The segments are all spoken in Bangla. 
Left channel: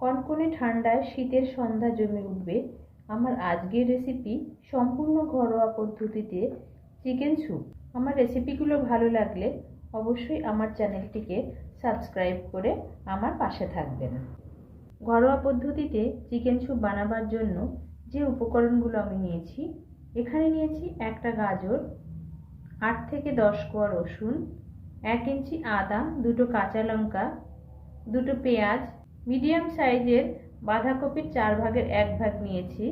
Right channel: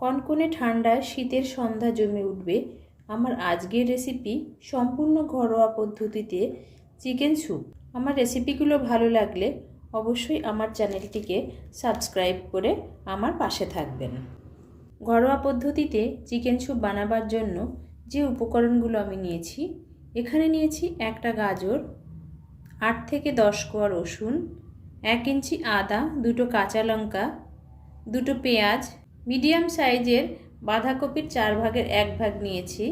কনকনে ঠান্ডায় শীতের সন্ধ্যা জমে উঠবে। আমার আজকের রেসিপি সম্পূর্ণ ঘরোয়া পদ্ধতিতে চিকেন স্যুপ আমার রেসিপিগুলো ভালো লাগলে অবশ্যই আমার চ্যানেলটিকে সাবস্ক্রাইব করে আমার পাশে থাকবেন। ঘরোয়া পদ্ধতিতে চিকেন স্যুপ বানাবার জন্য যে উপকরণগুলো আমি নিয়েছি, এখানে নিয়েছি একটা গাজর, আট থেকে দশ কোয়া রসুন, এক ইঞ্চি আদা, দুটো কাঁচা লঙ্কা, দুটো পেঁয়াজ মিডিয়াম সাইজের বাঁধাকপির চার ভাগের এক ভাগ নিয়েছি।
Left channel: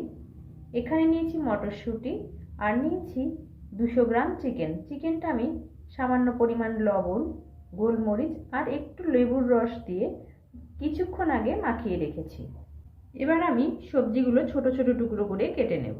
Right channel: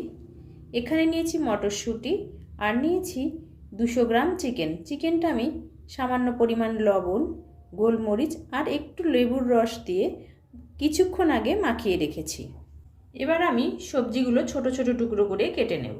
এখানে নিয়েছি মটরশুঁটি আর নিয়েছি দুশো গ্রাম চিকেন। চিকেনটা আমি সামান্য পরিমাণ লবণ, গোলমরিচ আর একটু লেবুর রস দিয়ে কিছুক্ষণ আগে মাখিয়ে রেখেছি। এবার আমি সবজিগুলো ছোট ছোট টুকরো করে কেটে নেব।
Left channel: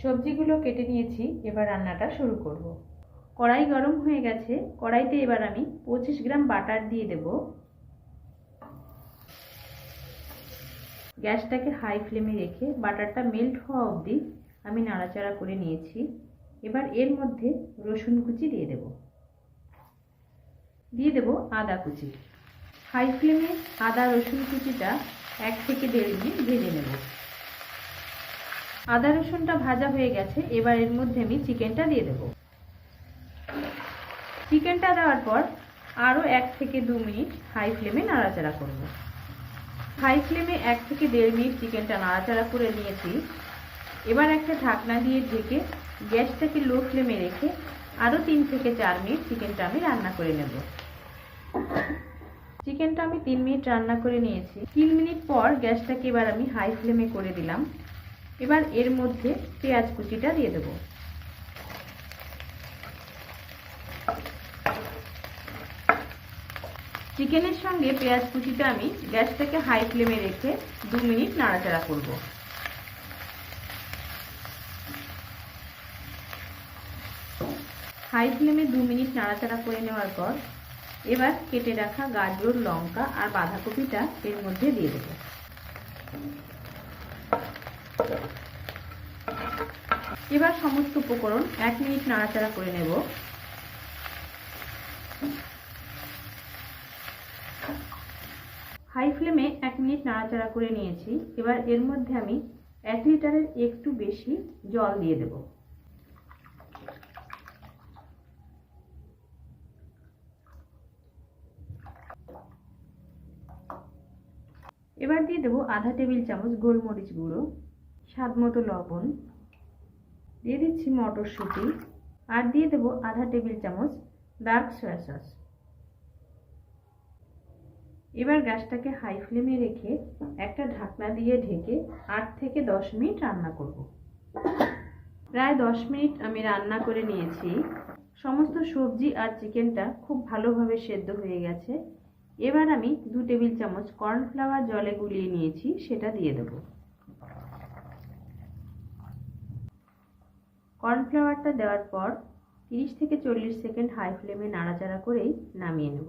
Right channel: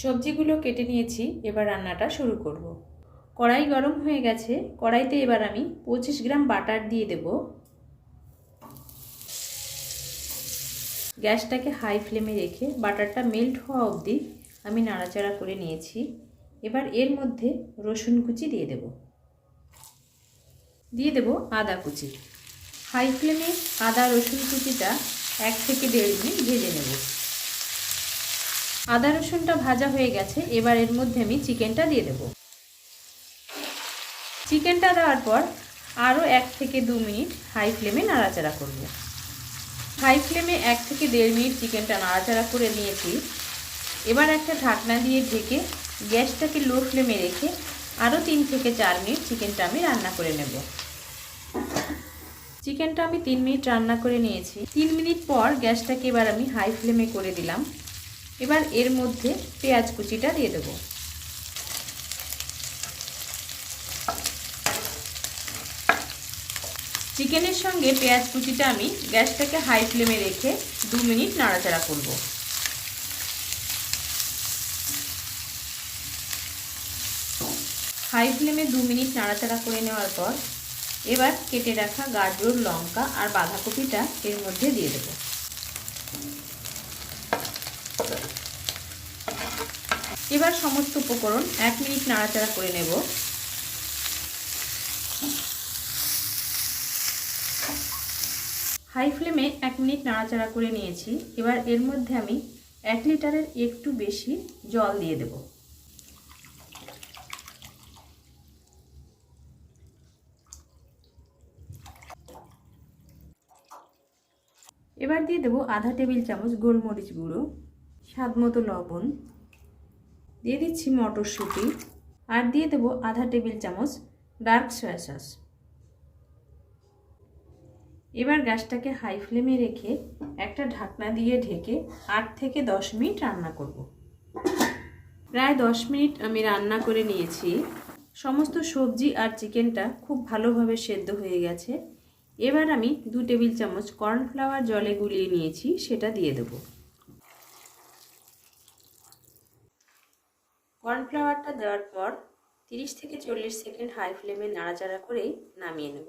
সবজিগুলো কেটে নিয়েছি, এবার রান্নাটা শুরু করব। কড়াই গরম হয়ে গেছে, কড়াইতে এবার আমি পঁচিশ গ্রাম বাটার দিয়ে দেব। গ্যাসটাকে হাই ফ্লেমে রেখে বাটারটা মেল্ট হওয়া অবধি আমি নাড়াচাড়া করে নিয়েছি। এবার এর মধ্যে রসুন কুচি দিয়ে দেব। দিয়ে দেব আদা কুচি। হাই ফ্লেমে আদা রসুন কুচিটা এক থেকে দেড় মিনিট ভেজে নেব। আদা রসুনটা ভাজা হয়ে গেছে, এবার এর মধ্যে আমি চিকেনটা দিয়ে দেব। চিকেনটা দেওয়ার পর আরও এক থেকে দু মিনিট হাই ফ্লেমে নাড়াচাড়া করব। হাই ফ্লেমে এক থেকে দেড় মিনিট চিকেনটা নাড়াচাড়া করে নিয়েছি। এবার একটা ঢাকনা দিয়ে ঢেকে গ্যাসটাকে লো ফ্লেমে রেখে আরও তিন থেকে চার মিনিট চিকেনটা আমি রান্না করে নেব। চিকেনটা আমি তিন মিনিট রান্না করে নিয়েছি। তিন মিনিট পর গ্যাসটাকে এবার আমি হাই ফ্লেমে করে দিলাম। এবার এর মধ্যে পেঁয়াজ কুচিটা দিয়ে দেব। চিকেনের সঙ্গে পেঁয়াজ কুচিটা আমি গ্যাসটাকে হাই ফ্লেমে রেখে দু মিনিট নাড়াচাড়া করব। হাই ফ্লেমে দু মিনিট নাড়াচাড়া করে নেওয়ার পর এবার কেটে রাখা গাজর, লঙ্কা আর বাঁধাকপিটা এর মধ্যে দিয়ে দেবো। এবার সমস্ত উপকরণ এক মিনিট নাড়াচাড়া করে নেব। হাই ফ্লেমে এক মিনিট নাড়াচাড়া করে নিয়েছি। এবার এর মধ্যে আমি এক লিটারের একটু বেশি জল দিয়ে দেব। এবার দিয়ে দেবো আধা টেবিল চামচ গোলমরিচ গুঁড়ো, স্বাদ মতো লবণ দিয়ে দিচ্ছি মটরশুঁটি আর দিয়ে দেবো আধা টেবিল চামচ ডার্ক সয়া সস। এবার গ্যাসটাকে হাই ফ্লেমে রেখে একটা ঢাকনা দিয়ে ঢেকে আট থেকে দশ মিনিট রান্না করব। প্রায় দশ মিনিট আমি রান্না করে নিয়েছি। সমস্ত সবজি আর চিকেনটা খুব ভালোভাবে সেদ্ধ হয়ে গেছে। এবার আমি দু টেবিল চামচ কর্নফ্লাওয়ার জলে গুলিয়ে নিয়েছি, সেটা দিয়ে দেবো। কর্নফ্লাওয়ারটা দেওয়ার পর তিরিশ থেকে চল্লিশ সেকেন্ড হাই ফ্লেমে নাড়াচাড়া করেই নামিয়ে নেব।